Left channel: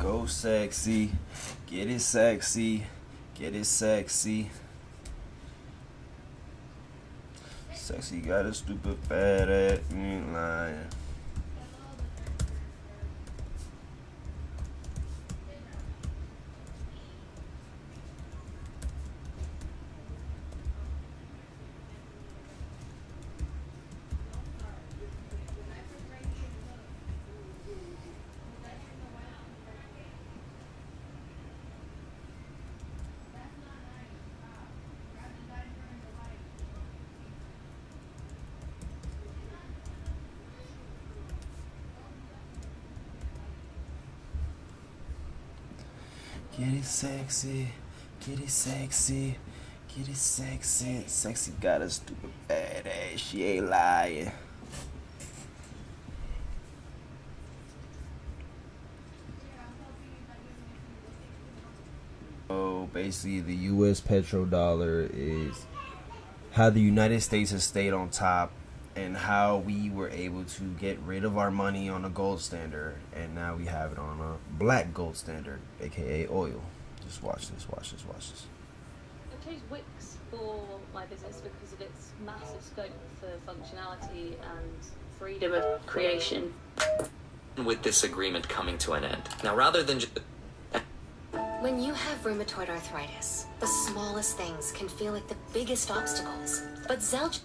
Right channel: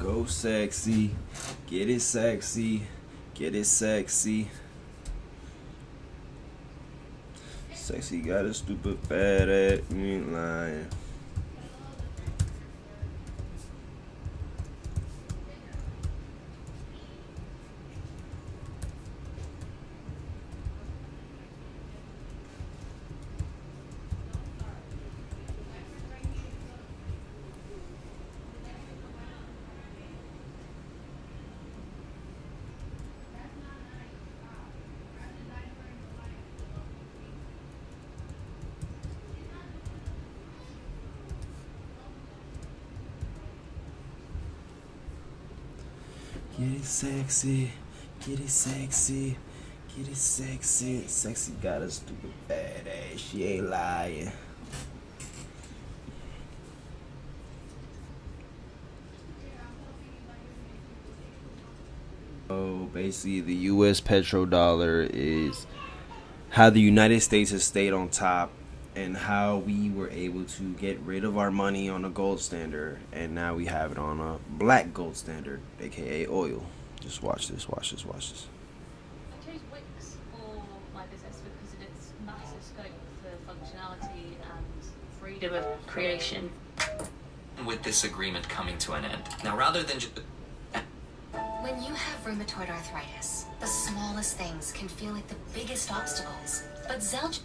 Go sexy, get it sexy, get it sexy. Sexy got a stupid fat ass, you ain't lying. Get it sexy, get it sexy, get it sexy. Sexy got a stupid fat ass, she ain't lying. So basically the US petrodollar is how the United States has stayed on top and how we were able to get rid of our money on a gold standard and now we have it on a black gold standard, aka oil. Just watch this, watch this, watch this. I chose Wix for my business because of its massive scope for functionality and freedom of creation. With this agreement coming to an end. Now rather than just... When you have rheumatoid arthritis, the smallest things can feel like the biggest obstacles. But Zelch...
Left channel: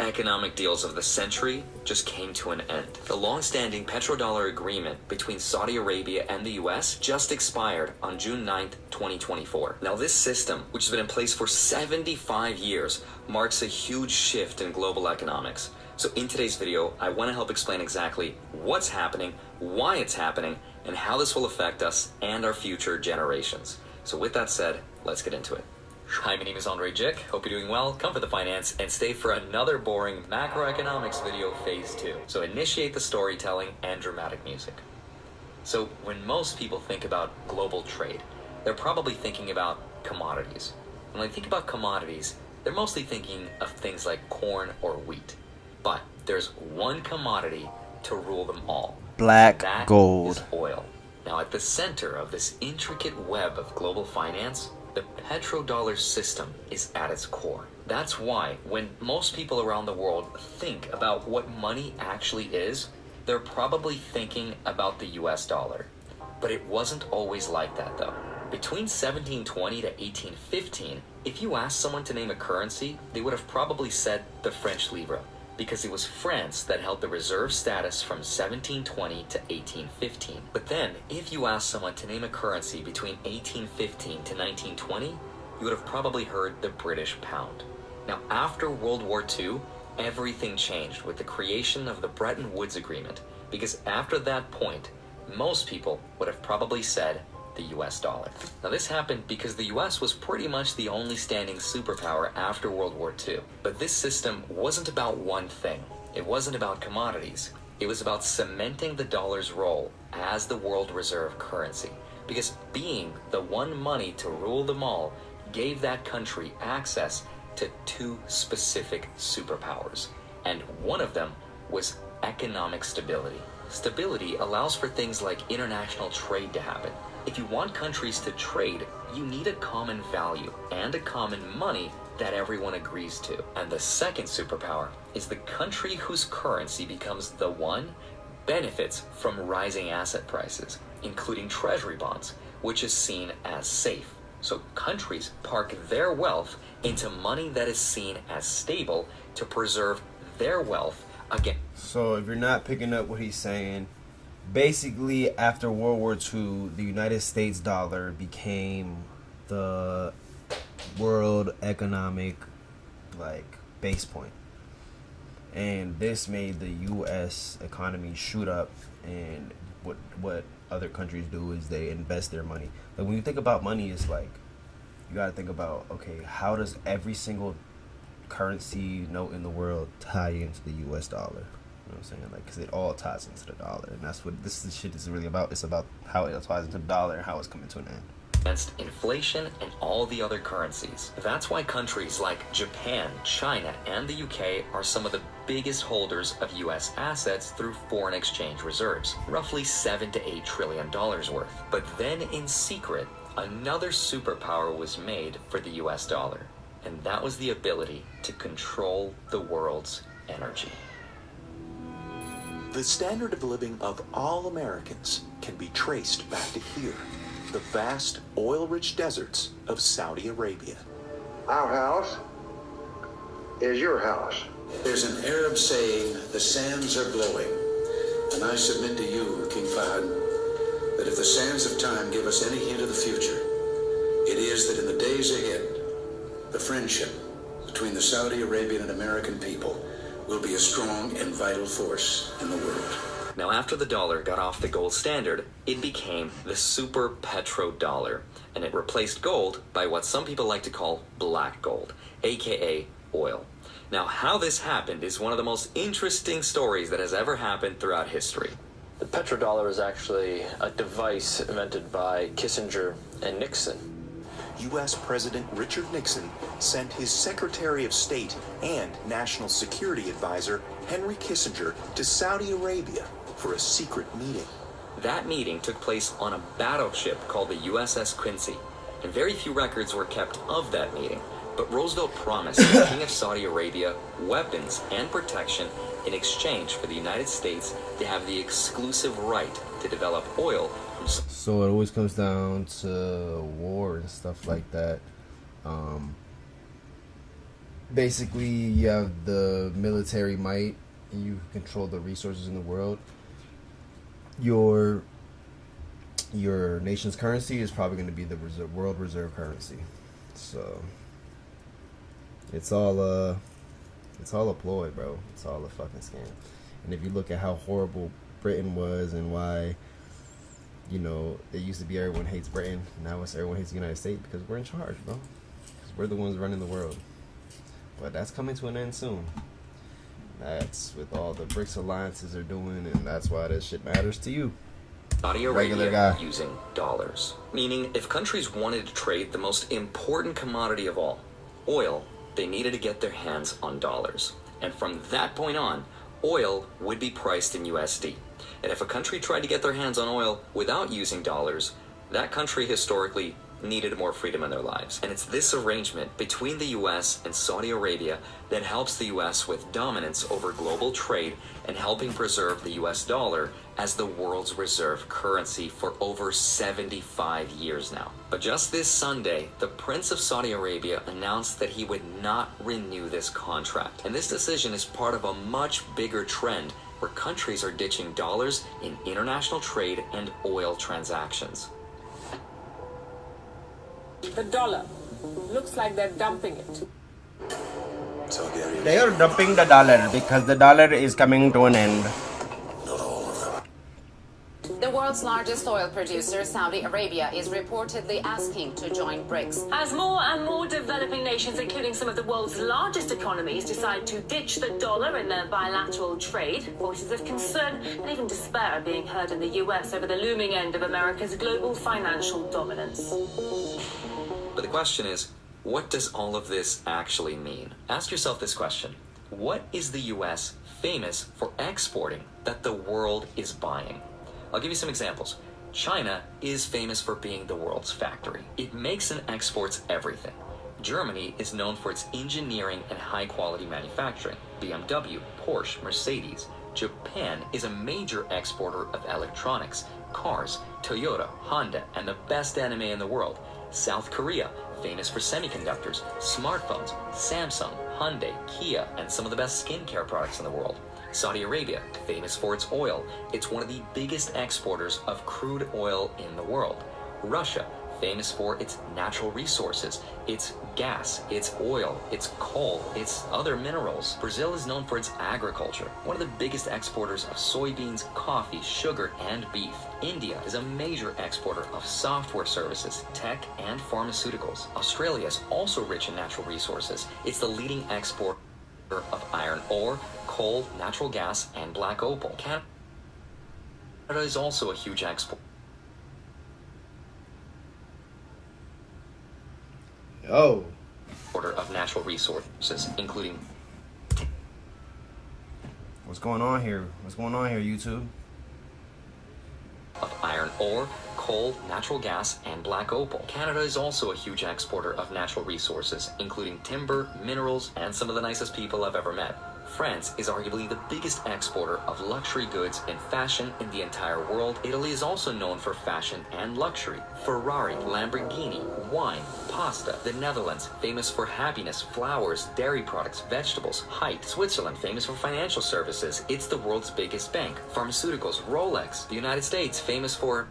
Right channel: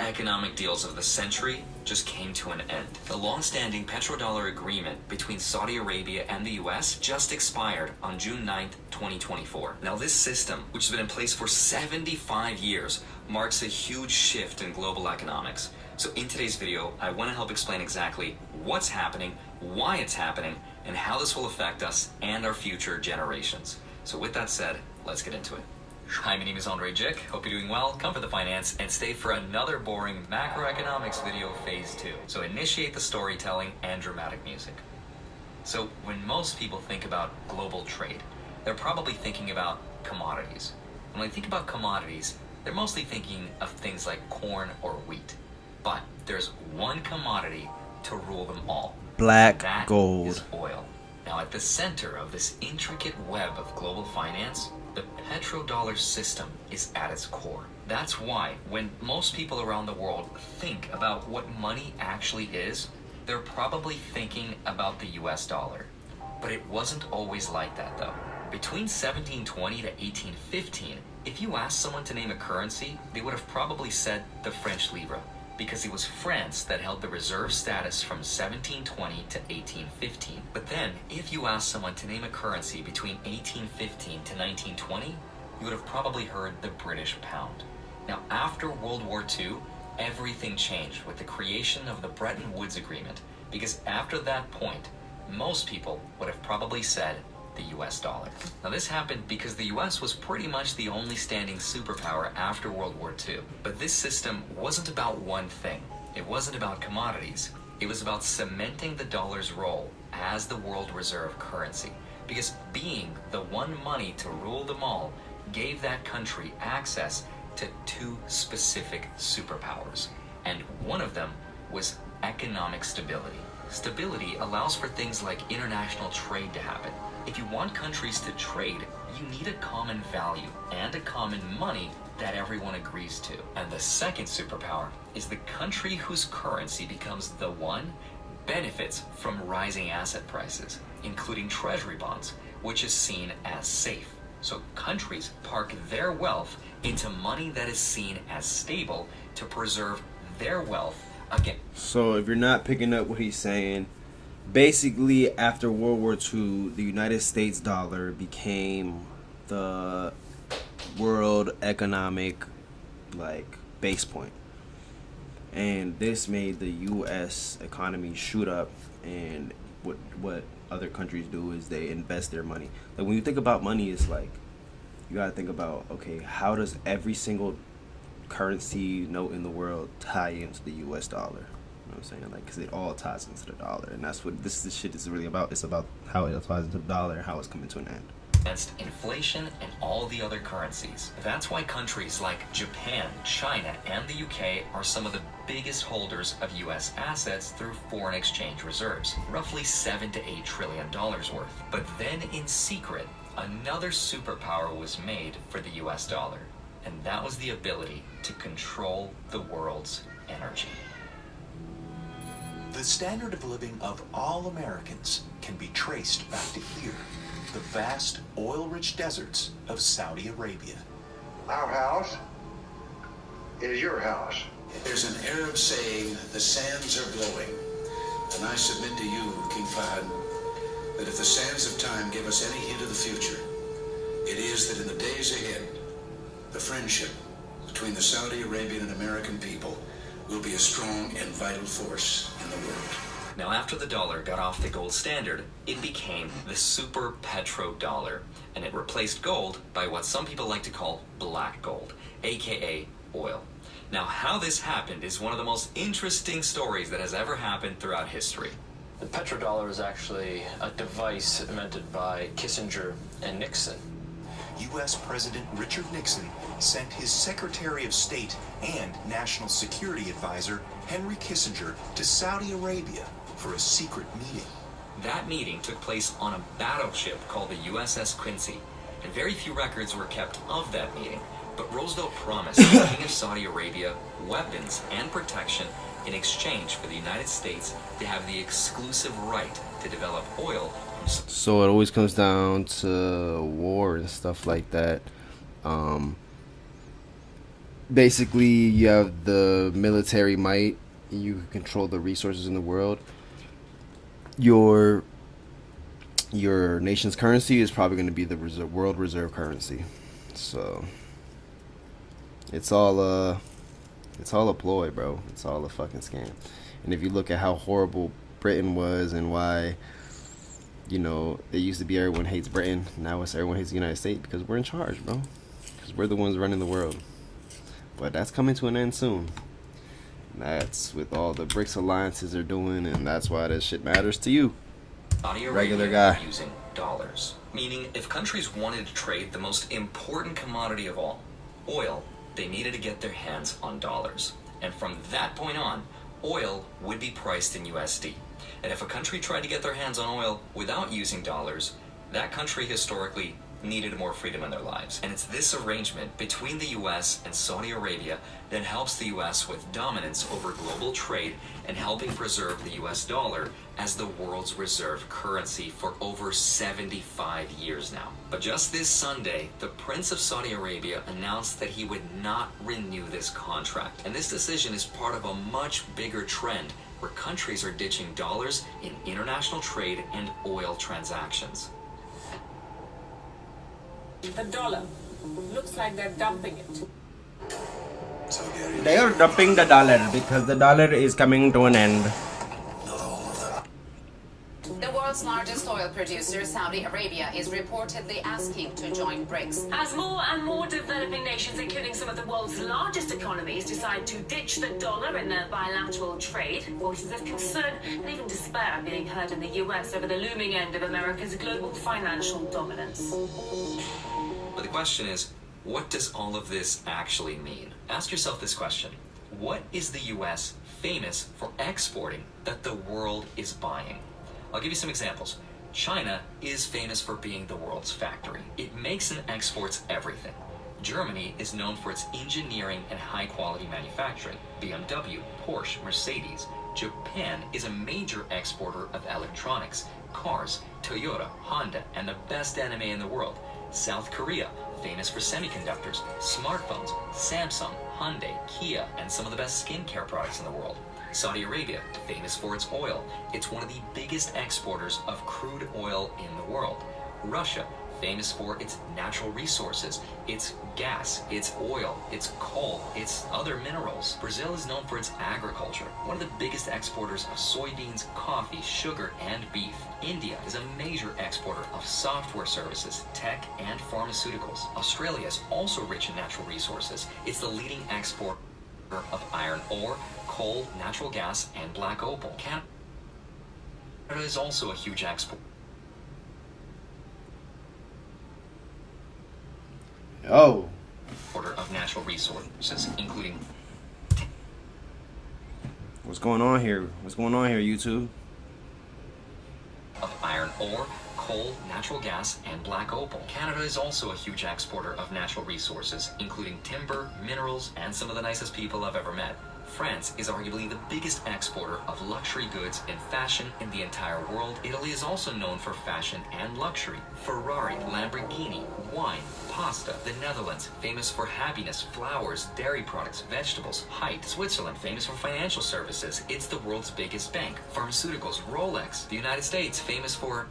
Economic deals of the century just came to an end. The long-standing petrodollar agreement between Saudi Arabia and the US just expired on June 9th, 2024. Now this system, which has been in place for 75 years, marks a huge shift in global economics. So in today's video, I want to help explain exactly what's happening, why it's happening, and how this will affect us and our future generations. So with that said, let's get into it. Hi, my name is Andre Jick. Hope you're doing well. Come for the finance and stay for another boring macroeconomics video, phase 2. So initiate the storytelling and dramatic music. So when most people think about global trade, they're probably thinking about commodities. When they think about commodities, they're mostly thinking of things like corn or wheat. But there's one commodity to rule them all. Black That gold. is oil. Now at the center of this intricate web of global finance, the petrodollar system is at its core. That's why when most people around the world think about what money actually is, they're probably thinking about the US dollar. But it wasn't always like that though. Between 1720 to 1815, if you asked someone to name a currency, they would have probably said the French livre, because it was France that held the reserve status from 1720 to 1815. But then, if you asked someone to name a currency between 1815 to 1920, you would have probably heard the British pound. Now, after World War II, everything changed with the creation of the Bretton Woods Agreement, because after that point, most people would have probably said the US dollar. Now this happened because the US was pretty much the only standing superpower after World War II. But this system wasn't about one thing. It wasn't about commodities. It was about cementing the dollar's role as the world reserve currency. Because being the one money to rule them all gave that country access to two specific superpowers. And one of them was economic stability. Stability allows for things like international trade to happen. If you want countries to trade, you need a common value and a common money that everyone agrees to. And the second superpower is the country whose currency becomes the one benefits from rising asset prices, including treasury bonds, which is seen as safe. So countries park their wealth into money that is seen as stable to preserve their wealth again. So if you're not picking up what he's saying, basically after World War II, the United States dollar became the world economic base point. And this made the US economy shoot up, and what other countries do is they invest their money. Like when you think about money, it's like you gotta think about, okay, how does every single currency note in the world tie into the US dollar? You know what I'm saying? Like, because it all ties into the dollar, and that's what this shit is really about. It's about how it ties into the dollar and how it's coming to an end. Against inflation and all the other currencies. That's why countries like Japan, China, and the UK are some of the biggest holders of U.S. assets through foreign exchange reserves, roughly $7 to $8 trillion worth. But then in secret, another superpower was made for the U.S. dollar, and that was the ability to control the world's energy. The standard of living of all Americans can be traced back to here, the vast oil-rich deserts of Saudi Arabia. Our house is your house. There's an Arab saying, the sands are glowing. And I submit to you, King Fahd, that if the sands of time give us any hint of the future, it is that in the days ahead, the friendship between the Saudi Arabian and American people will be a strong and vital force in the world. Now, after the dollar got off the gold standard, it became the super petrodollar, and it replaced gold by what some people like to call black gold, aka oil. Now, how this happened is one of the most interesting stories that has ever happened throughout history. The petrodollar is actually a device invented by Kissinger and Nixon. U.S. President Richard Nixon sent his Secretary of State and National Security Advisor Henry Kissinger to Saudi Arabia for a secret meeting. That meeting took place on a battleship called the USS Quincy, and very few records were kept of that meeting. But Roosevelt promised the King of Saudi Arabia weapons and protection in exchange for the United States to have the exclusive right to develop oil. So it always comes down to war and stuff like that. Basically, you have the military might. You control the resources in the world. Your nation's currency is probably going to be the world reserve currency. So it's all a ploy, bro. It's all a fucking scam. And if you look at how horrible Britain was and why, you know, it used to be everyone hates Britain, now it's everyone hates the United States because we're in charge, bro. Because we're the ones running the world. But that's coming to an end soon. That's with all the BRICS alliances they're doing, and that's why this shit matters to you. Saudi Arabia Regular guy. Using dollars. Meaning, if countries wanted to trade the most important commodity of all, oil, they needed to get their hands on dollars. And from that point on, oil would be priced in USD. And if a country tried to get their hands on oil without using dollars, that country historically needed more freedom in their lives. And it's this arrangement between the US and Saudi Arabia that helps the US with dominance over global trade and helping preserve the US dollar as the world's reserve currency for over 75 years now. But just this Sunday, the Prince of Saudi Arabia announced that he would not renew this contract. And this decision is part of a much bigger trend where countries are ditching dollars in international trade and oil transactions. The dollar. Looks like they're dumping it. They are dumping the dollar because the dollar is coming to an end. The world's largest oil producer, Saudi Arabia, is reportedly asking to join BRICS. As more and more developing nations, including some of the world's largest economies, decide to ditch the dollar in their bilateral trade, voices of concern and even despair are being heard in the US over the looming end of America's global financial dominance. But the question is, what does all of this actually mean? Ask yourself this question. What is the US famous for exporting that the world is buying? I'll give you some examples. China is famous for being the world's factory. It makes and exports everything. Germany is known for its engineering and high-quality manufacturing. BMW, Porsche, Mercedes. Japan is a major exporter of electronics, cars, Toyota, Honda, and the best anime in the world. South Korea, famous for semiconductors, smartphones, Samsung, Hyundai, Kia, and some of the best skincare products in the world. Saudi Arabia, famous for its oil. It's one of the biggest exporters of crude oil in the world. Russia, famous for its natural resources, its gas, its oil, its coal, its other minerals. Brazil is known for its agriculture, one of the biggest exporters of soybeans, coffee, sugar, and beef. India is a major exporter of software services, tech, and pharmaceuticals. Australia is also rich in natural resources. It's the leading exporter of iron ore, coal, natural gas, and black opal. Canada is also a huge exporter. Oh. Of natural resources, including What's going on here? What's going on here, YouTube? Of iron ore, coal, natural gas, and black opal. Canada is also a huge exporter of natural resources, including timber, minerals, and some of the nicest people I've ever met. France is arguably the biggest exporter of luxury goods and fashion in the entire world. Italy is also known for fashion and luxury. Ferrari, Lamborghini, wine, pasta. The Netherlands, famous for happiness, flowers, dairy products, vegetables. Height, Switzerland, famous for financial services. It's the world's biggest bank. Pharmaceuticals, Rolex. The United States, famous for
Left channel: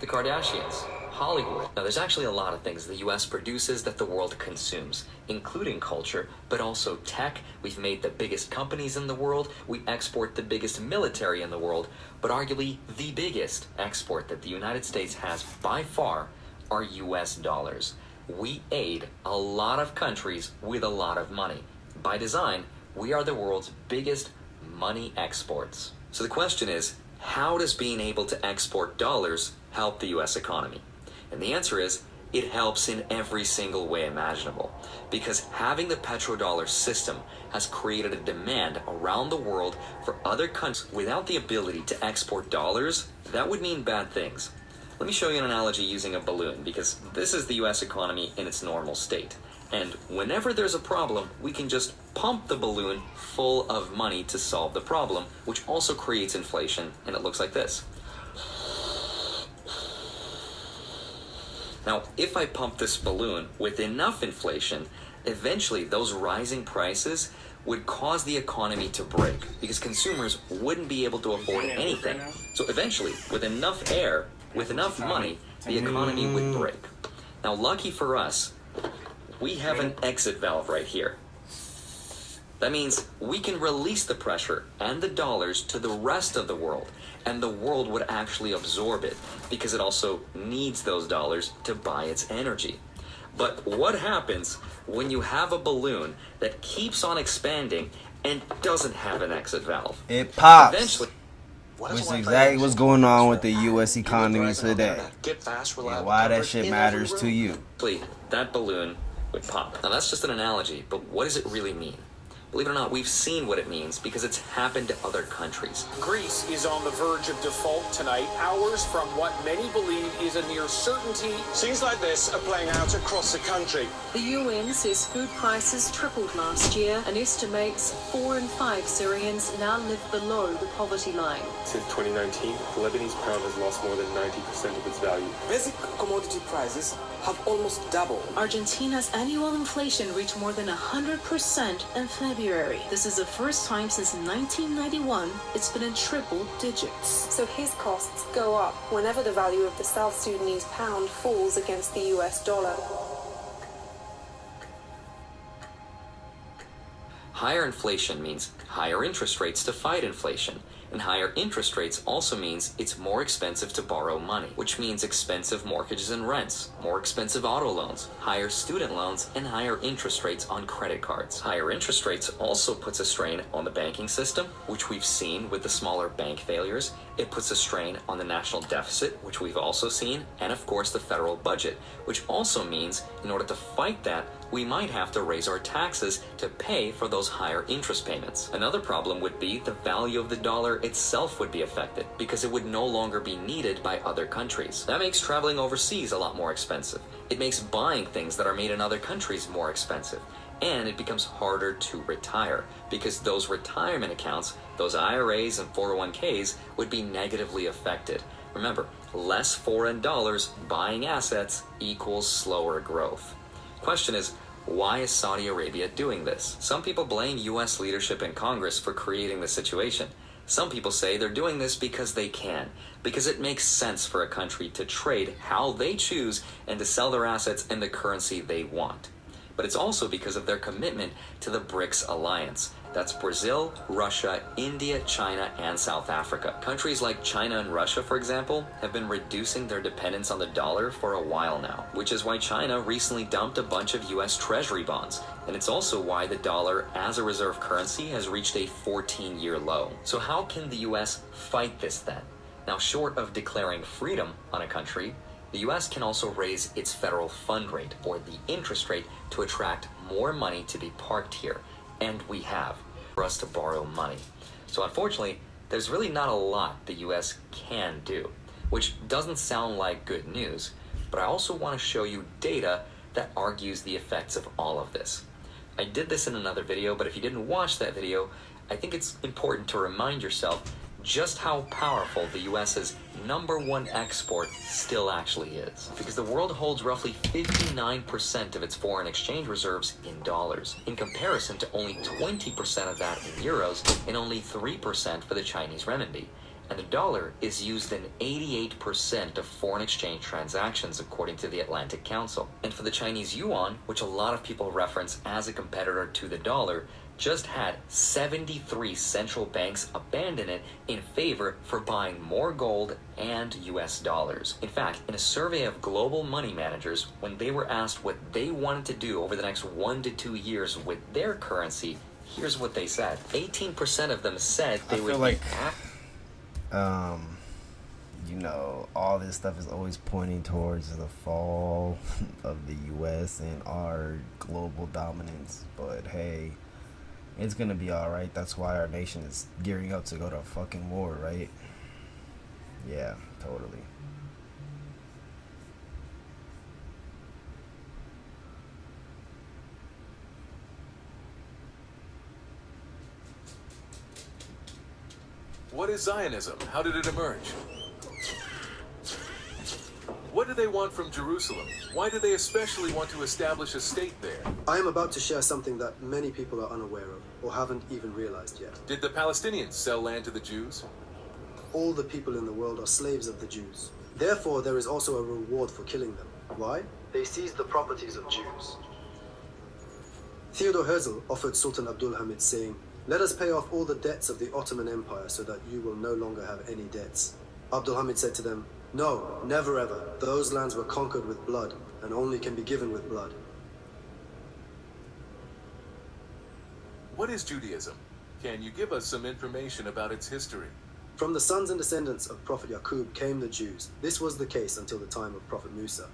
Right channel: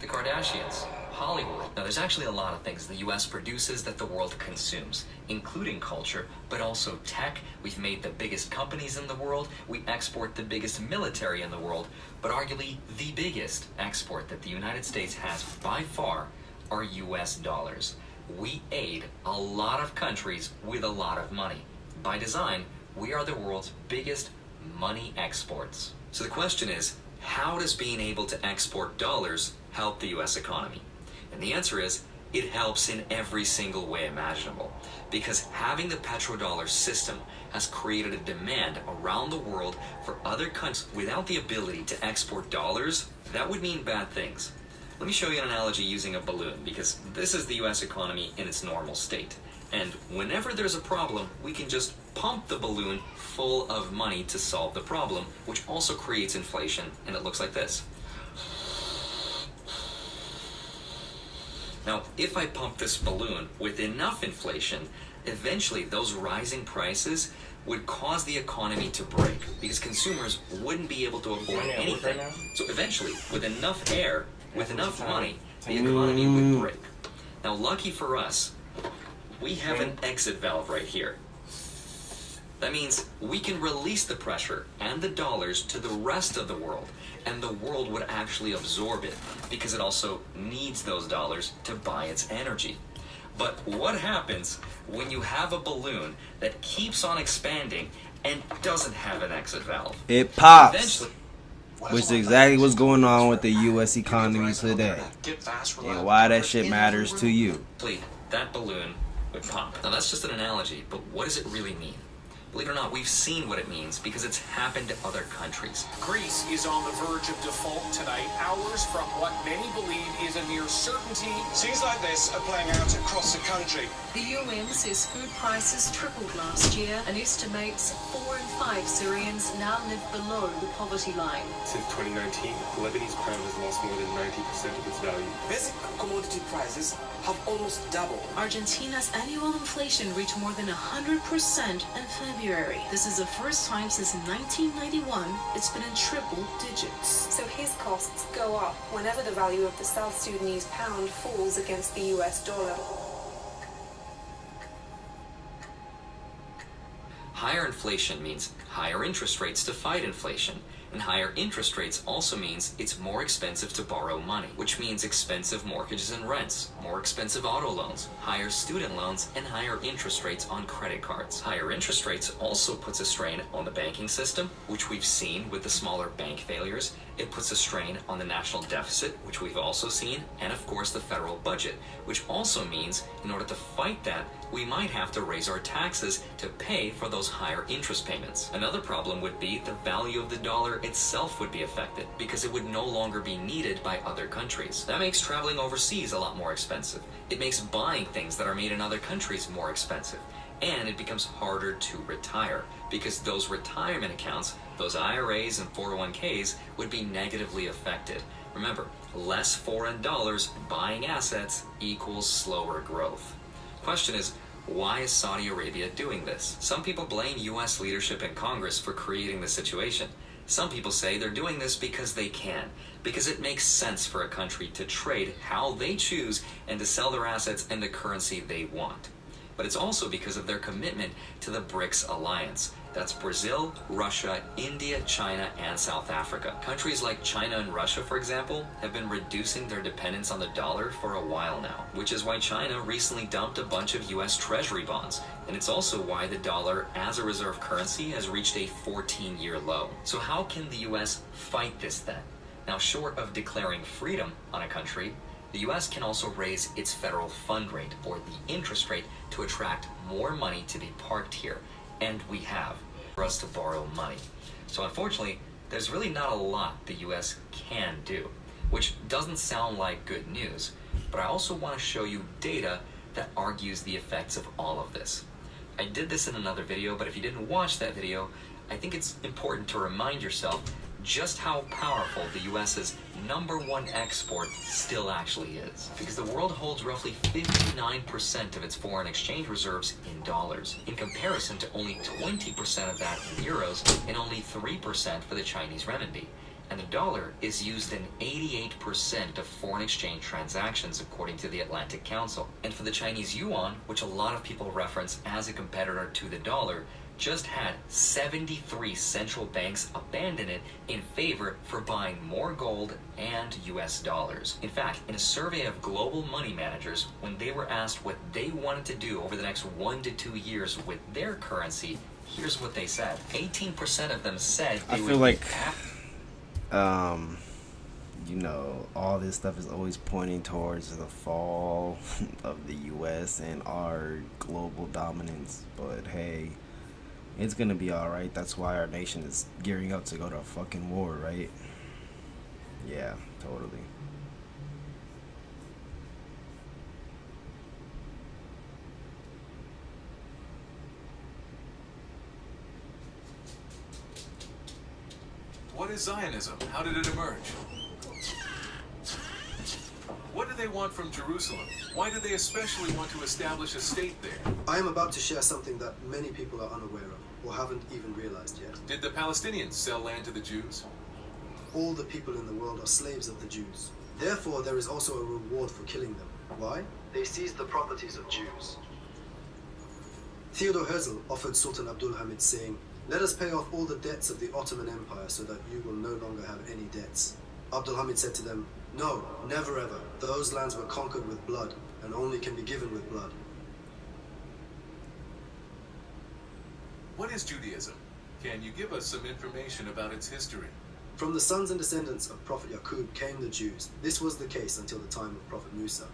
the Kardashians. Hollywood. Now, there's actually a lot of things the US produces that the world consumes, including culture, but also tech. We've made the biggest companies in the world. We export the biggest military in the world, but arguably the biggest export that the United States has by far are US dollars. We aid a lot of countries with a lot of money. By design, we are the world's biggest money exports. So the question is, how does being able to export dollars help the US economy? And the answer is, it helps in every single way imaginable. Because having the petrodollar system has created a demand around the world for other countries. Without the ability to export dollars, that would mean bad things. Let me show you an analogy using a balloon, because this is the US economy in its normal state. And whenever there's a problem, we can just pump the balloon full of money to solve the problem, which also creates inflation, and it looks like this. Now, if I pump this balloon with enough inflation, eventually those rising prices would cause the economy to break, because consumers wouldn't be able to afford anything. So eventually, with enough air, with enough money, the economy would break. Now, lucky for us, we have an exit valve right here. That means we can release the pressure and the dollars to the rest of the world, and the world would actually absorb it, because it also needs those dollars to buy its energy. But what happens when you have a balloon that keeps on expanding and doesn't have an exit valve? It pops. Eventually, Which is exactly what's going on with the US economy today. And why that shit matters to you. that balloon would pop. Now that's just an analogy, but what does it really mean? Believe it or not, we've seen what it means because it's happened to other countries. Greece is on the verge of default tonight, hours from what many believe is a near certainty. Scenes like this are playing out across the country. The UN says food prices tripled last year and estimates 4 in 5 Syrians now live below the poverty line. Since 2019, the Lebanese pound has lost more than 90% of its value. Basic commodity prices have almost doubled. Argentina's annual inflation reached more than 100% in February. This is the first time since 1991 it's been in triple digits. So his costs go up whenever the value of the South Sudanese pound falls against the US dollar. Higher inflation means higher interest rates to fight inflation. And higher interest rates also means it's more expensive to borrow money, which means expensive mortgages and rents, more expensive auto loans, higher student loans, and higher interest rates on credit cards. Higher interest rates also puts a strain on the banking system, which we've seen with the smaller bank failures. It puts a strain on the national deficit, which we've also seen, and of course the federal budget, which also means in order to fight that, we might have to raise our taxes to pay for those higher interest payments. Another problem would be the value of the dollar itself would be affected because it would no longer be needed by other countries. That makes traveling overseas a lot more expensive. It makes buying things that are made in other countries more expensive. And it becomes harder to retire because those retirement accounts, those IRAs and 401ks would be negatively affected. Remember, less foreign dollars buying assets equals slower growth. Question is, why is Saudi Arabia doing this? Some people blame U.S. leadership and Congress for creating the situation. Some people say they're doing this because they can, because it makes sense for a country to trade how they choose and to sell their assets in the currency they want. But it's also because of their commitment to the BRICS alliance. That's Brazil, Russia, India, China, and South Africa. Countries like China and Russia, for example, have been reducing their dependence on the dollar for a while now, which is why China recently dumped a bunch of U.S. Treasury bonds. And it's also why the dollar as a reserve currency has reached a 14-year low. So how can the U.S. fight this then? Now, short of declaring freedom on a country, the U.S. can also raise its federal fund rate, or the interest rate, to attract more money to be parked here. And we have. for us to borrow money. So unfortunately, there's really not a lot the US can do, which doesn't sound like good news, but I also want to show you data that argues the effects of all of this. I did this in another video, but if you didn't watch that video, I think it's important to remind yourself just how powerful the US's #1 export still actually is. Because the world holds roughly 59% of its foreign exchange reserves in dollars, in comparison to only 20% of that in euros and only 3% for the Chinese renminbi. And the dollar is used in 88% of foreign exchange transactions, according to the Atlantic Council. And for the Chinese yuan, which a lot of people reference as a competitor to the dollar, just had 73 central banks abandon it in favor for buying more gold and US dollars. In fact, in a survey of global money managers, when they were asked what they wanted to do over the next 1 to 2 years with their currency, here's what they said. 18% of them said they I feel like you know, all this stuff is always pointing towards the fall of the US and our global dominance, but hey, it's gonna be alright. That's why our nation is gearing up to go to a fucking war, right? Yeah, totally. What is Zionism? How did it emerge? What do they want from Jerusalem? Why do they especially want to establish a state there? I am about to share something that many people are unaware of, or haven't even realized yet. Did the Palestinians sell land to the Jews? All the people in the world are slaves of the Jews. Therefore, there is also a reward for killing them. Why? They seized the properties of Jews. Theodore Herzl offered Sultan Abdul Hamid, saying, "Let us pay off all the debts of the Ottoman Empire so that you will no longer have any debts." Abdul Hamid said to them, "No, never ever. Those lands were conquered with blood, and only can be given with blood." What is Judaism? Can you give us some information about its history? From the sons and descendants of Prophet Yaqub came the Jews. This was the case until the time of Prophet Musa.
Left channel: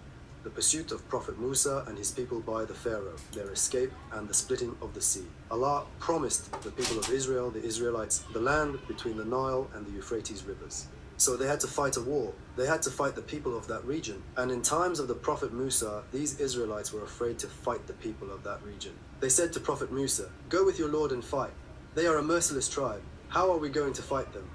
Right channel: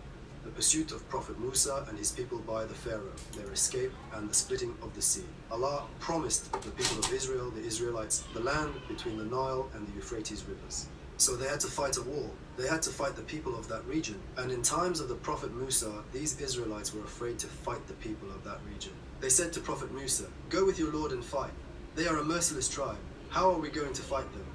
The pursuit of Prophet Musa and his people by the Pharaoh, their escape, and the splitting of the sea. Allah promised the people of Israel, the Israelites, the land between the Nile and the Euphrates rivers. So they had to fight a war. They had to fight the people of that region. And in times of the Prophet Musa, these Israelites were afraid to fight the people of that region. They said to Prophet Musa, "Go with your Lord and fight. They are a merciless tribe. How are we going to fight them?"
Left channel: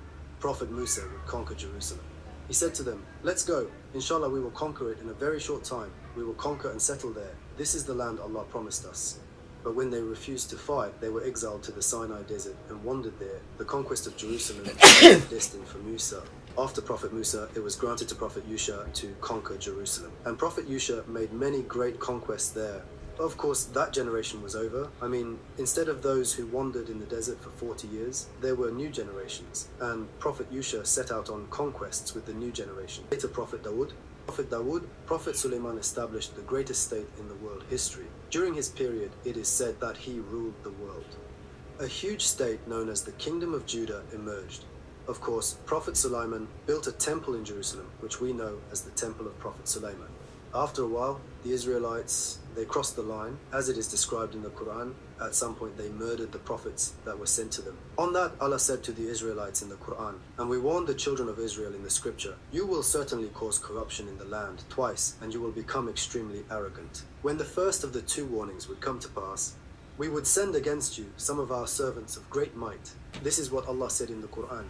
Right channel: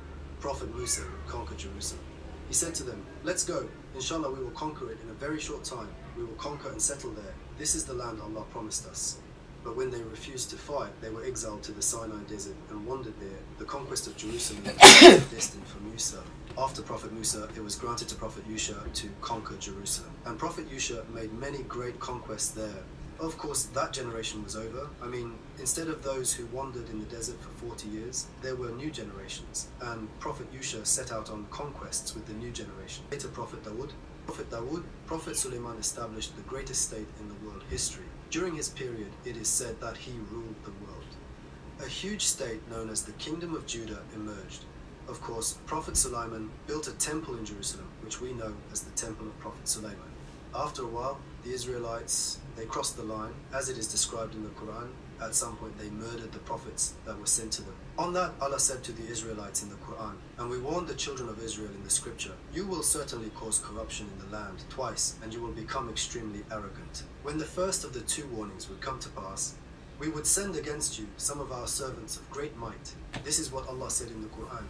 Prophet Musa would conquer Jerusalem. He said to them, "Let's go. Inshallah, we will conquer it in a very short time. We will conquer and settle there. This is the land Allah promised us." But when they refused to fight, they were exiled to the Sinai desert and wandered there. The conquest of Jerusalem was destined for Musa. After Prophet Musa, it was granted to Prophet Yusha to conquer Jerusalem. And Prophet Yusha made many great conquests there. Of course, that generation was over. I mean, instead of those who wandered in the desert for 40 years, there were new generations. And Prophet Yusha set out on conquests with the new generation. Later, Prophet Dawood, Prophet Suleiman established the greatest state in the world history. During his period, it is said that he ruled the world. A huge state known as the Kingdom of Judah emerged. Of course, Prophet Suleiman built a temple in Jerusalem, which we know as the Temple of Prophet Suleiman. After a while, the Israelites, they crossed the line, as it is described in the Quran. At some point, they murdered the prophets that were sent to them. On that, Allah said to the Israelites in the Quran, "And we warned the children of Israel in the scripture, you will certainly cause corruption in the land twice, and you will become extremely arrogant. When the first of the two warnings would come to pass, we would send against you some of our servants of great might." This is what Allah said in the Quran.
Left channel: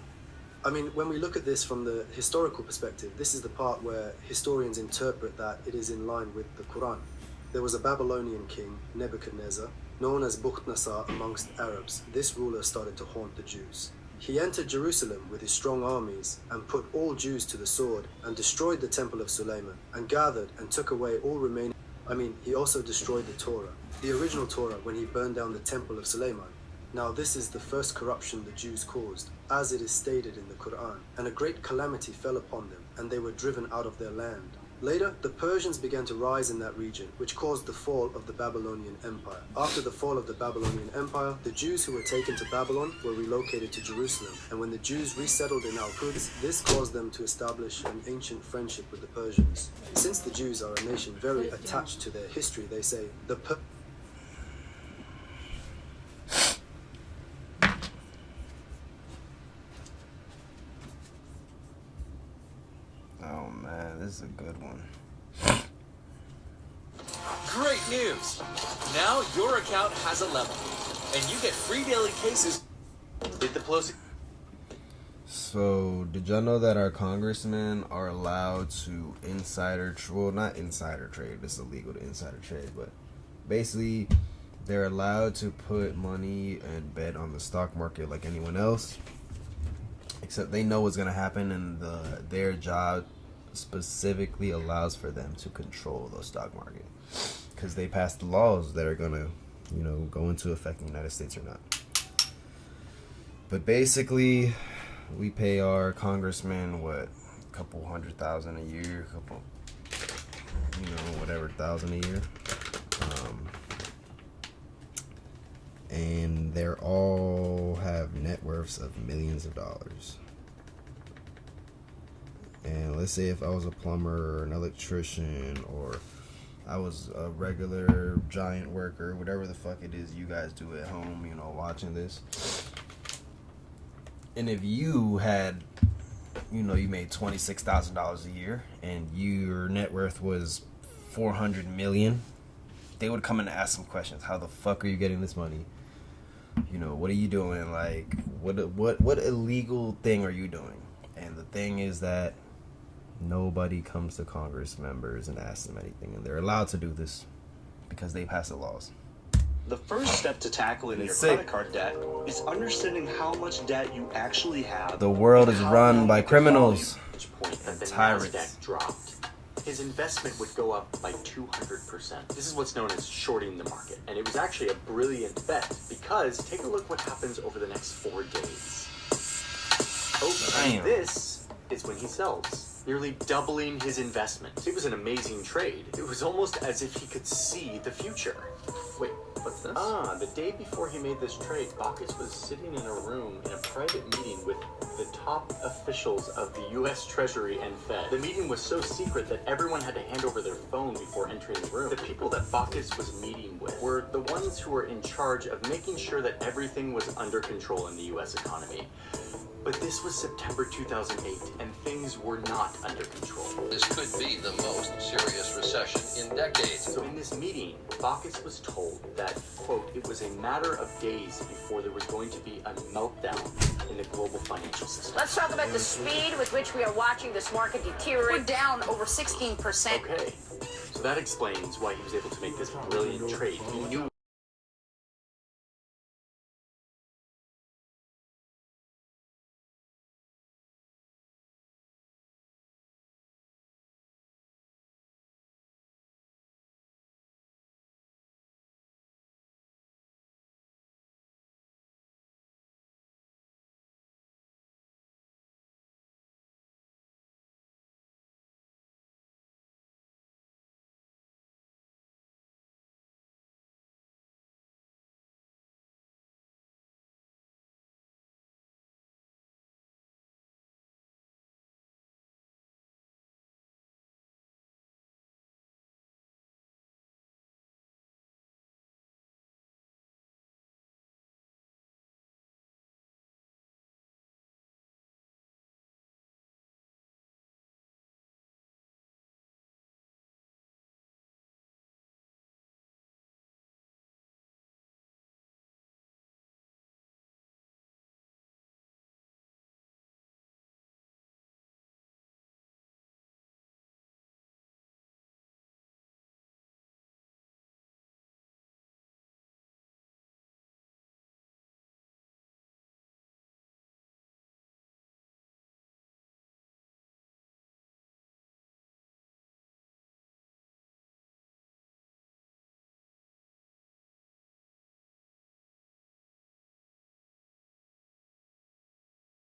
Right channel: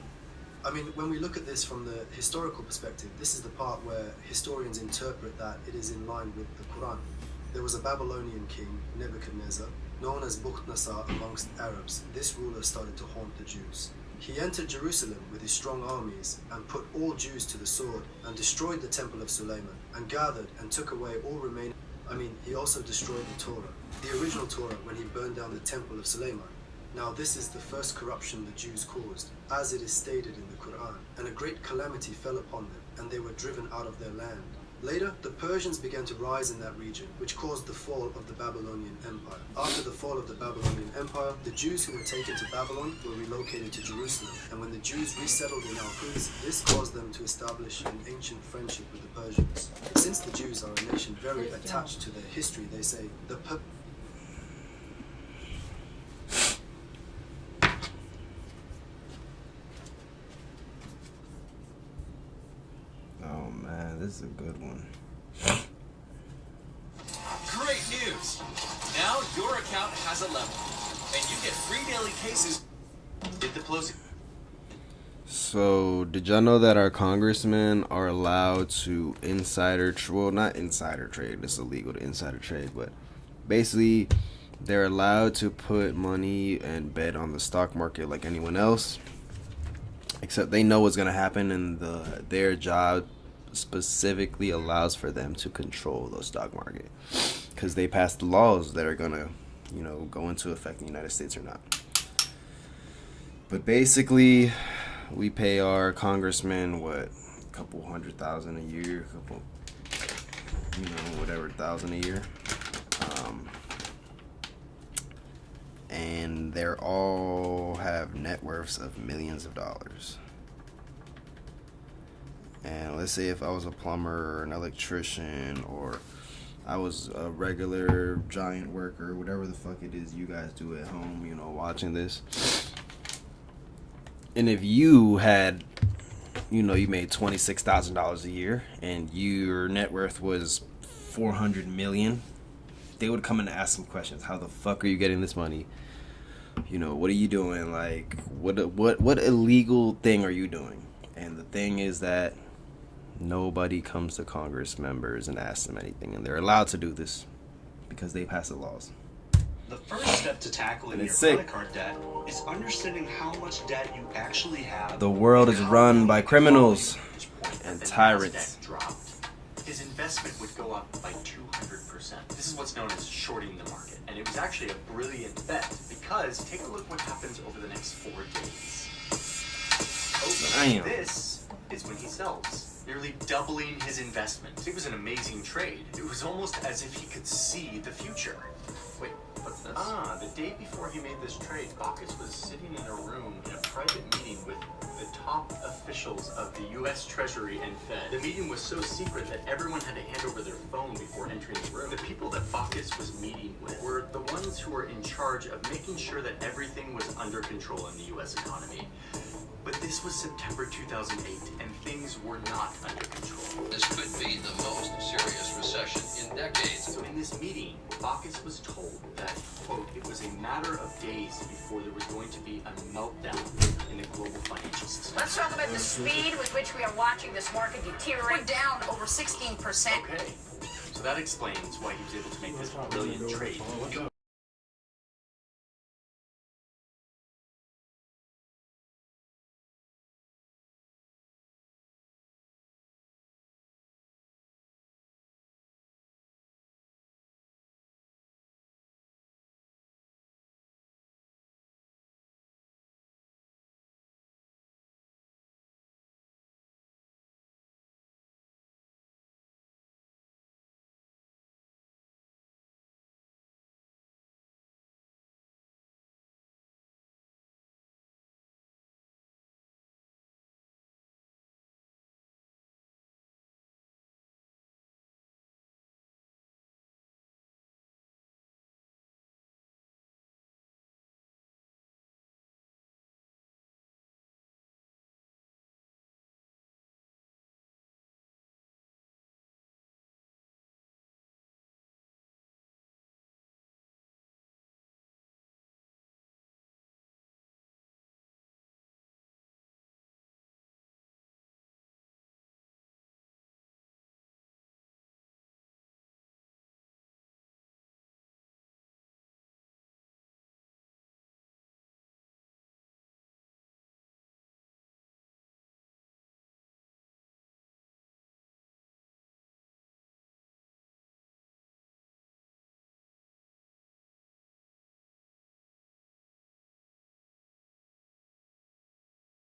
I mean, when we look at this from the historical perspective, this is the part where historians interpret that it is in line with the Quran. There was a Babylonian king, Nebuchadnezzar, known as Bukhtasar amongst Arabs. This ruler started to haunt the Jews. He entered Jerusalem with his strong armies and put all Jews to the sword and destroyed the temple of Suleiman and gathered and took away all remaining. He also destroyed the Torah, the original Torah, when he burned down the temple of Suleiman. Now this is the first corruption the Jews caused, as it is stated in the Quran, and a great calamity fell upon them, and they were driven out of their land. Later, the Persians began to rise in that region, which caused the fall of the Babylonian Empire. After the fall of the Babylonian Empire, the Jews who were taken to Babylon were relocated to Jerusalem, and when the Jews resettled in Al-Quds, this caused them to establish an ancient friendship with the Persians. Since the Jews are a nation very attached to their history, they say, Oh man, this is a good one. Great news! Now your account has a level, and you get free daily cases. Hit the Pelosi. So, did y'all know that our congressmen are allowed to not insider trade, it's illegal to insider trade, but basically they're allowed to put money and bet on the stock market like anyone else, except they know what's going to happen, and their job specifically allows for them to control the stock market because they passed the laws that are going to, go into effect in the United States or not. But basically, we pay our congressmen, a couple $100,000 a year, whatever, $1,000 a year. And they're all have net worths of millions of dollars. And let's say if I was a plumber or an electrician, or I was a regular giant worker, whatever the fuck it is you guys do at home, watching this. And if you had, you made $26,000 a year and your net worth was $400 million, they would come in and ask some questions. How the fuck are you getting this money? What are you doing? Like, what illegal thing are you doing? And the thing is that nobody comes to Congress members and asks them anything, and they're allowed to do this because they pass the laws. The first step to tackling your credit card debt is understanding how much debt you actually have. The world is run by criminals and tyrants. His investment would go up by 200%. This is what's known as shorting the market. And it was actually a brilliant bet because take a look what happens over the next 4 days. Damn. This is when he sells, nearly doubling his investment. It was an amazing trade. It was almost as if he could see the future. Wait, what's this? The day before he made this trade, Bacchus was sitting in a room in a private meeting with the top officials of the U.S. Treasury and Fed. The meeting was so secret that everyone had to hand over their phone before entering the room. The people that Bacchus was meeting with were the ones who were in charge of making sure that everything was under control in the U.S. economy. But this was September 2008, and things were not under control. This could be the most serious recession in decades. So in this meeting, Bacchus was told that, quote, it was a matter of days before there was going to be a meltdown in the global financial system. Let's talk about the speed with which we are watching this market deteriorate. We're down over 16%. Okay, so that explains why he was able to make this brilliant trade. He knew